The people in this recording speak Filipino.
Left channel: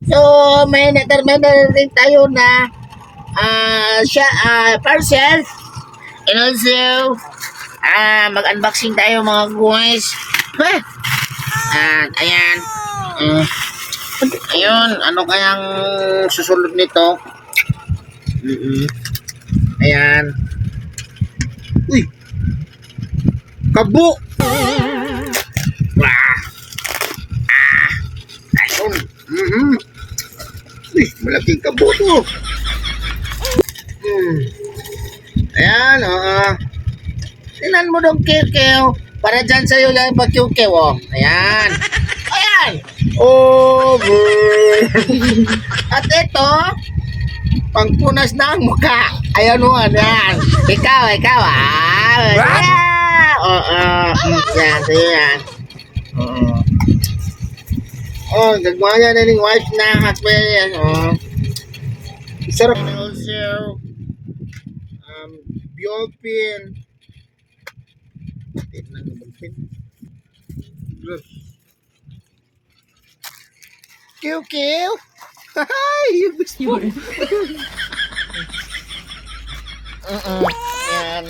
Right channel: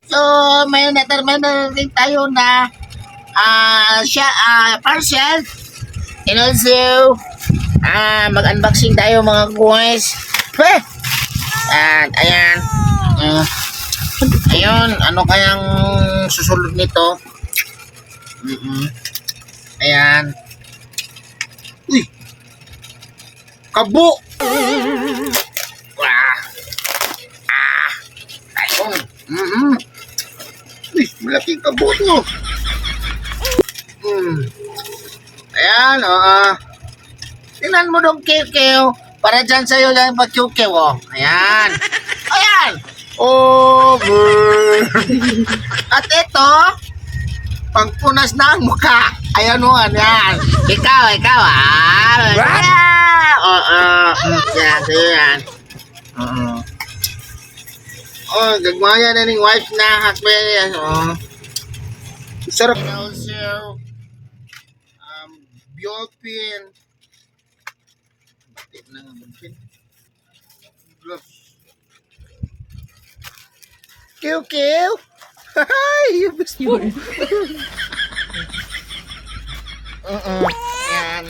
So, may natin tayo na parcel. And also, mag-unboxing tayo mga guys. At ayan. Ayun, ano kayang susunod nito? Ayan. Uy! Kabo! Wah! Ayun. Uy, malaking kabo to. Ayan, tingnan mo dong kew para dyan sa'yo lang pag-kew-kew, oh. Ayan. Ayan. Over. At ito, pangpunas na ang mukha. Ayan mo, ayan. Ikaw, What? Yan, sa'yo yan. Gagmaya na ning wife na husband yan, sarap. And also, Biopin. Tip na nga Biopin. Kiw. Hi, you gusto. Yan.